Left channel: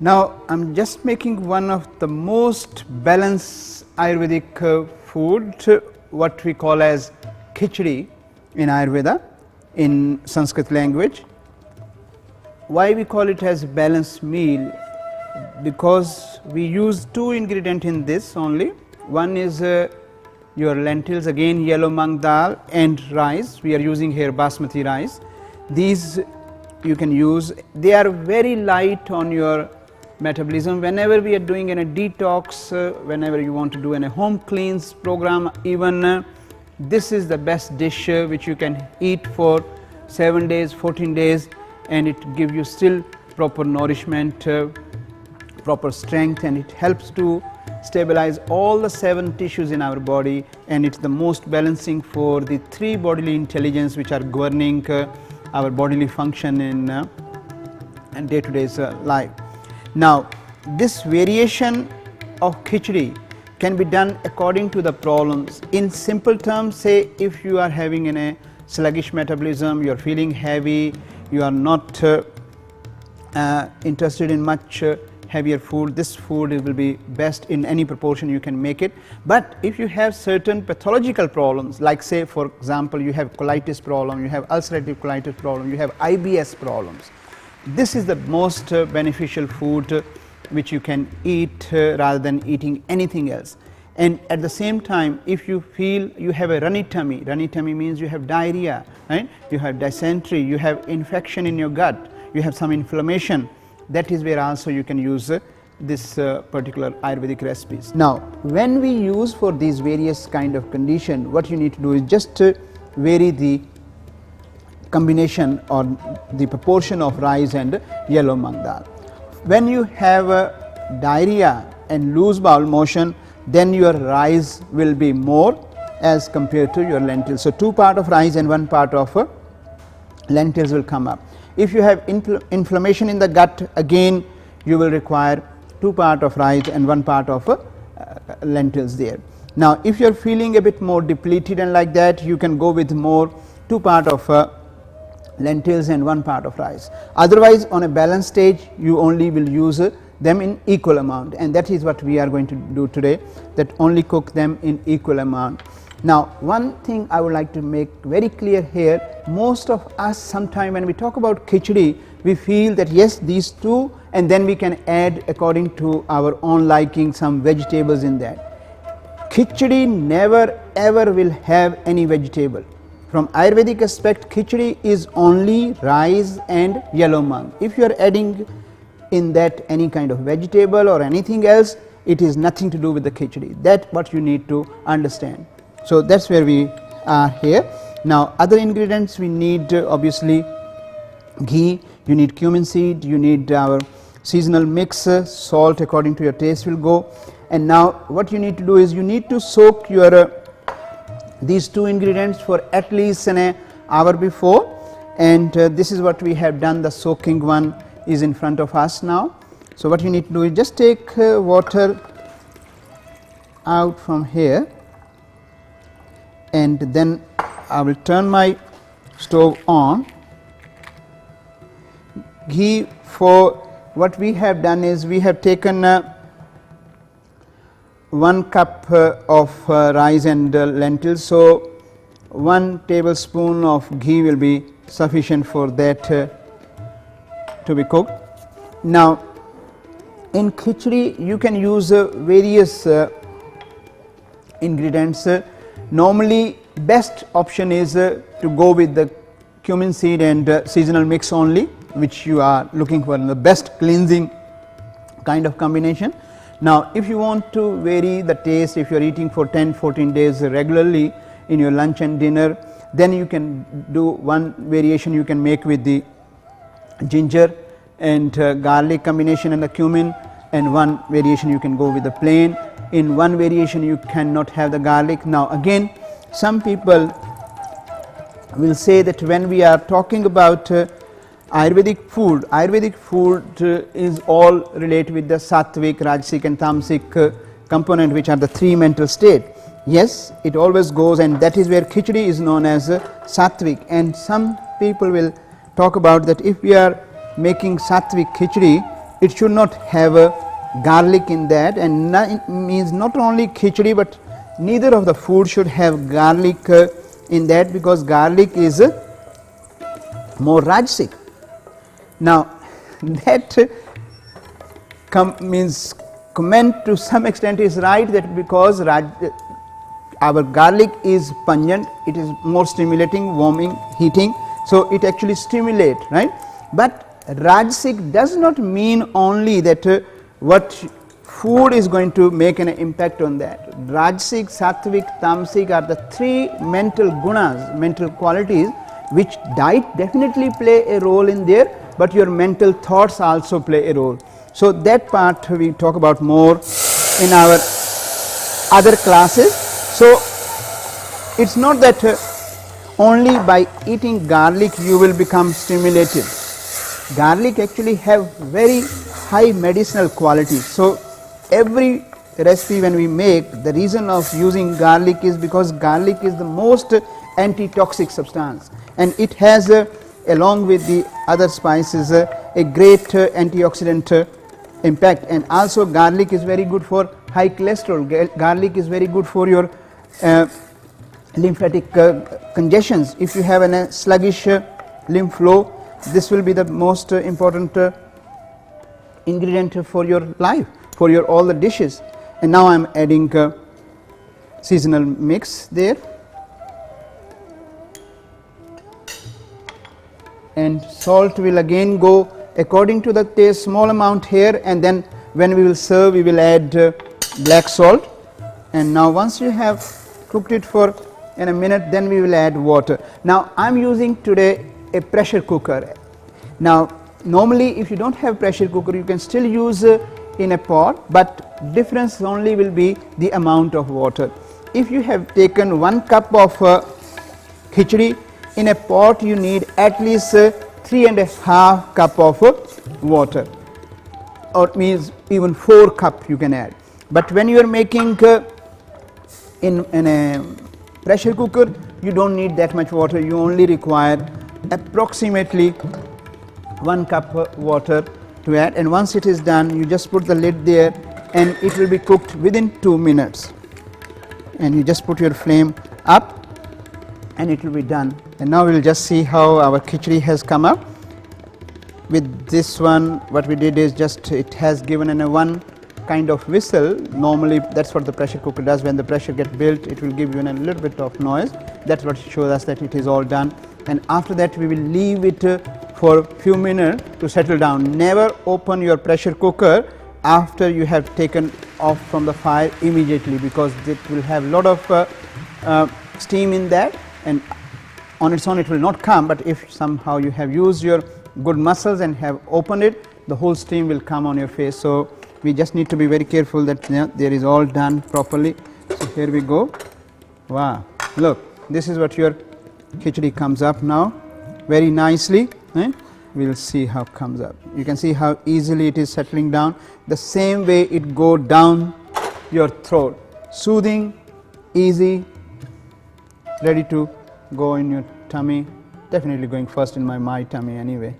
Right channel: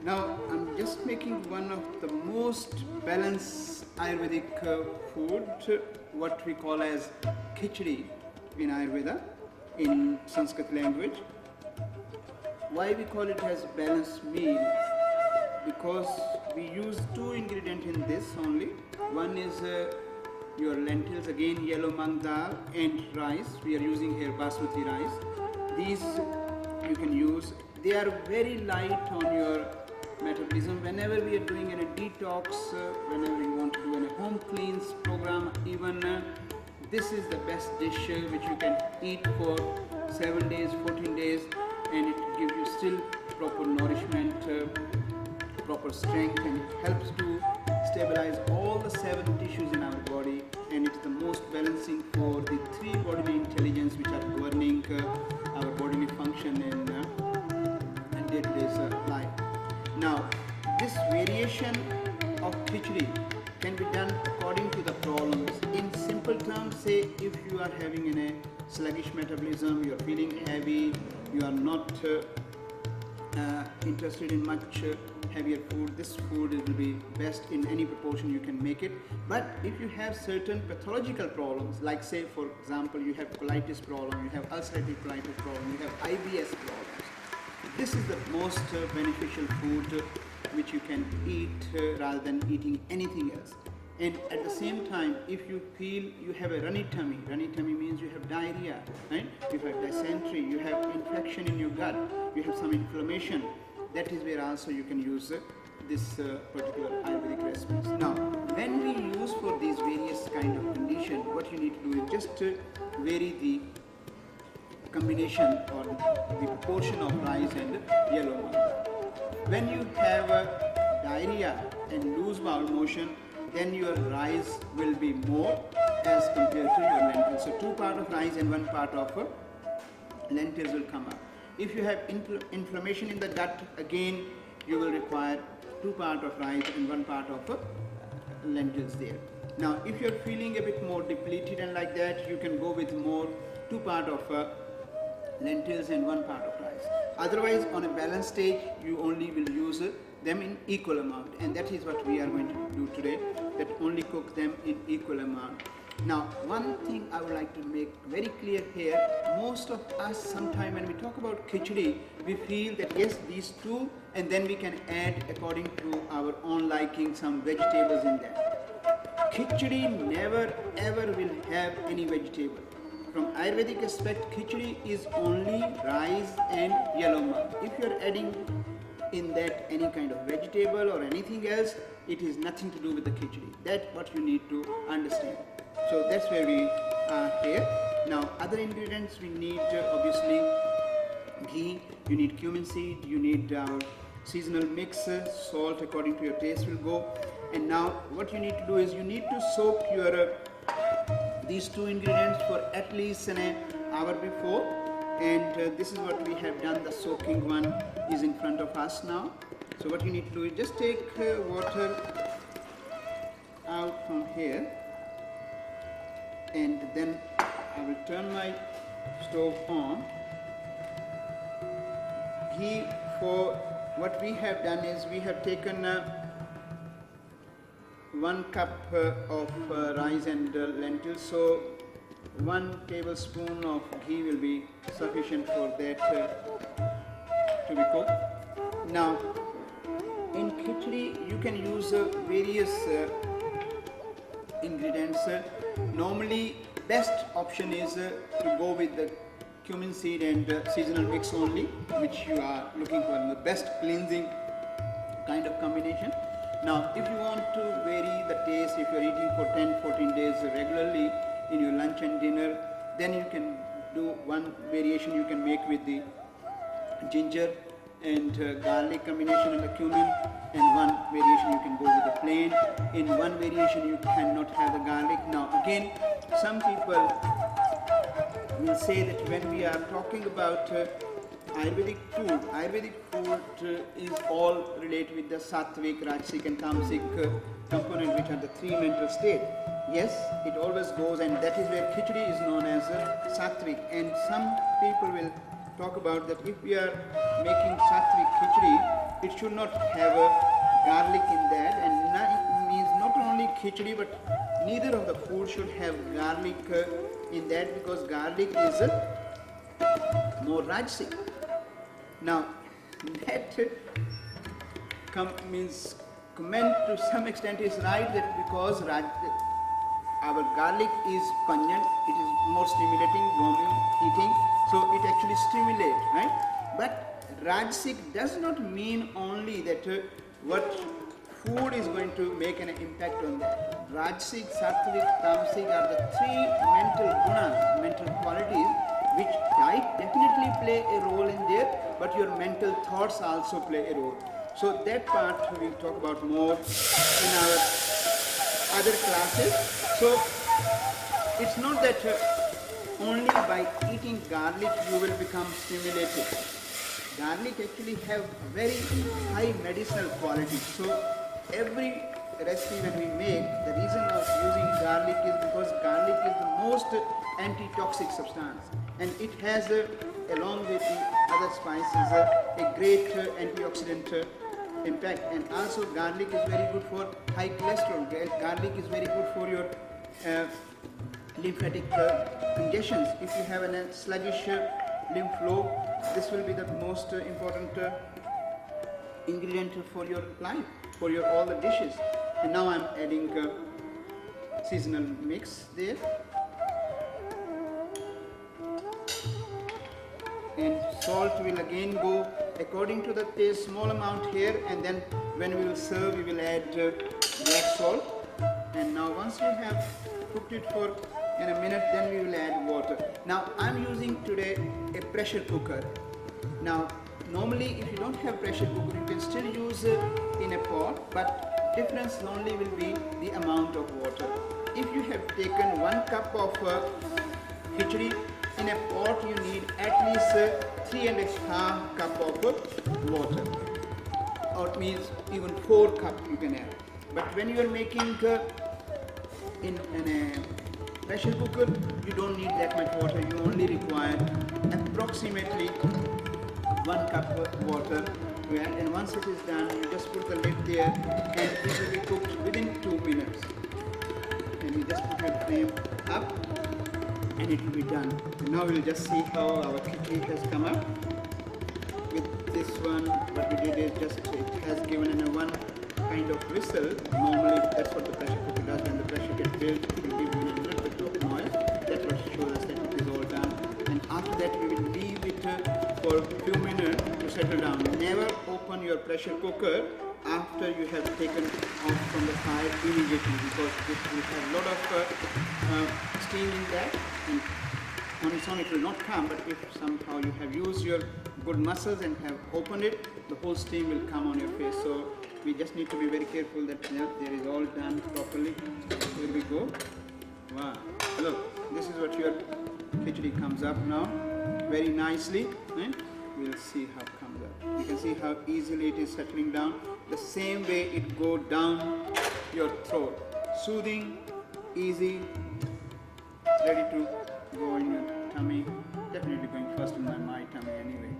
Now I am just making one of the most balanced Ayurvedic food, what we call as Kitchari in Ayurveda, in Sanskrit language. Why we call it as balanced meal? Because we use two ingredients in this only. One is your lentils, again yellow mung dal, and rice. We are using here basmati rice. These you can use. They are very light on your metabolism. Whenever we are doing a detox, whenever you want to do a home cleanse program, even this is the best dish which you can eat for 7 days, 14 days, and it gives you still proper nourishment, proper strength, and it helps to stabilize all the 7 tissues in our body, and it's the most balancing for the 3 bodily intelligence which are governing our bodily function in day-to-day life. Now this variation of Kitchari can be done according to the problems. In simple terms, say if you are having a sluggish metabolism, you are feeling heavy, you are not interested in much heavier food, this food will be best in any proportion you can make it. But if you have certain pathological problems, like say for example you have colitis problem, you have ulcerative colitis problem, you have IBS problems, this is the most beneficial food which you can eat rather than eating anything else. And at the same time, if you feel you have a runny tummy means you have diarrhea, right? You have dysentery, you have infection in your gut, you have some inflammation, that is where also you can use this particular Ayurvedic recipes. Now when we use for these various kind of condition, what you need to do is just vary the combination or the proportion of rice and yellow mung dal. When you have diarrhea and loose bowel motion, then your rice will be more as compared to your lentils. So 2 parts of rice and 1 part of lentils will come up. If you have inflammation in the gut, again you will require 2 parts of rice and 1 part of lentils there. Now if you are feeling a bit more depleted and like that, you can go with more 2 parts of lentils and 1 part of rice. Otherwise on a balanced stage you only will use them in equal amount, and that is what we are going to do today, that only cook them in equal amount. Now one thing I would like to make very clear here, most of us sometime when we talk about Kitchari, we feel that yes, these 2, and then we can add according to our own liking some vegetables in that. Kitchari never ever will have any vegetable. From Ayurvedic aspect, Kitchari is only rice and yellow mung. If you are adding in that any kind of vegetable or anything else, it is nothing to do with the Kitchari. That's what you need to understand. So that's where we are here. Now other ingredients we need obviously ghee, you need cumin seed, you need our seasonal mix, salt according to your taste will go. And now what you need to do is you need to soak your these 2 ingredients for at least an hour before, and this is what we have done. The soaking one is in front of us now. So what you need to do is just take water out from here, and then I will turn my stove on. Ghee, for what we have done is we have taken 1 cup of rice and lentils, so 1 tablespoon of ghee will be sufficient for that to be cooked. Now in Kitchari you can use various ingredients. Normally best option is to go with the cumin seed and seasonal mix only, which you are looking for in the best cleansing kind of combination. Now if you want to vary the taste, if you are eating for 10-14 days regularly in your lunch and dinner, then you can do one variation you can make with the ginger and garlic combination and the cumin, and one variation you can go with the plain. In one variation you cannot have the garlic. Now again, some people will say that when we are talking about Ayurvedic food is all related with the sattvic, rajasic and tamasic component, which are the 3 mental state. Yes, it always goes, and that is where Kitchari is known as sattvic. And some people will talk about that if we are making sattvic Kitchari, it should not have a garlic in that, and means not only khichdi but neither of the food should have garlic in that, because garlic is more rajasic. Now that means comment to some extent is right, that because our garlic is pungent, it is more stimulating, warming, heating, so it actually stimulates, right. But rajasic does not mean only that what food is going to make an impact on that. Rajasic, sattvic, tamasic are the three mental gunas, mental qualities, which diet definitely play a role in there, but your mental thoughts also play a role. So that part we talk about more in our other classes. So it's not that only by eating garlic you will become stimulated. Garlic actually have very high medicinal qualities. So every recipe when we make, the reason of using garlic is because garlic is the most antitoxic substance, and it has along with the other spices a great antioxidant impact. And also garlic is very good for high cholesterol. Garlic is very good for your lymphatic congestions. If you have a sluggish lymph flow, this will be the most important ingredient for your life, for your all the dishes. And now I am adding seasonal mix there, and salt will again go according to the taste, small amount here, and then when we will serve we will add black salt. And now once you have cooked it for in a minute, then we will add water. Now I am using today a pressure cooker. Now normally if you don't have pressure cooker, you can still use in a pot, but difference only will be the amount of water. If you have taken 1 cup of khichdi, in a pot you need at least 3.5 cup of water, or it means even 4 cup you can add. But when you are making in a pressure cooker, you don't need that much water, you only require approximately 1 cup water to add. And once it is done, you just put the lid there and it will be cooked within 2 minutes, and you just put your flame up and it will be done. And now we will just see how our khichdi has come up. With this one, what we did is just it has given in a one kind of whistle. Normally that's what the pressure cooker does. When the pressure gets built, it will give you a little bit of noise. That's what shows us that it is all done. And after that we will leave it for a few minutes to settle down. Never open your pressure cooker after you have taken off from the fire immediately, because it will have a lot of steam in that, and on its own it will not come. But if somehow you have used your good muscles and have opened it, the whole steam will come on your face. So we just need to be very careful that there is all done properly. So here we go. Wow, look, this is what your khichdi comes up now, very nicely. We will see how it comes up. You can see how easily it is settling down. The same way it go down your throat, soothing, easy, ready to go in your tummy. Definitely going first in my tummy anyway.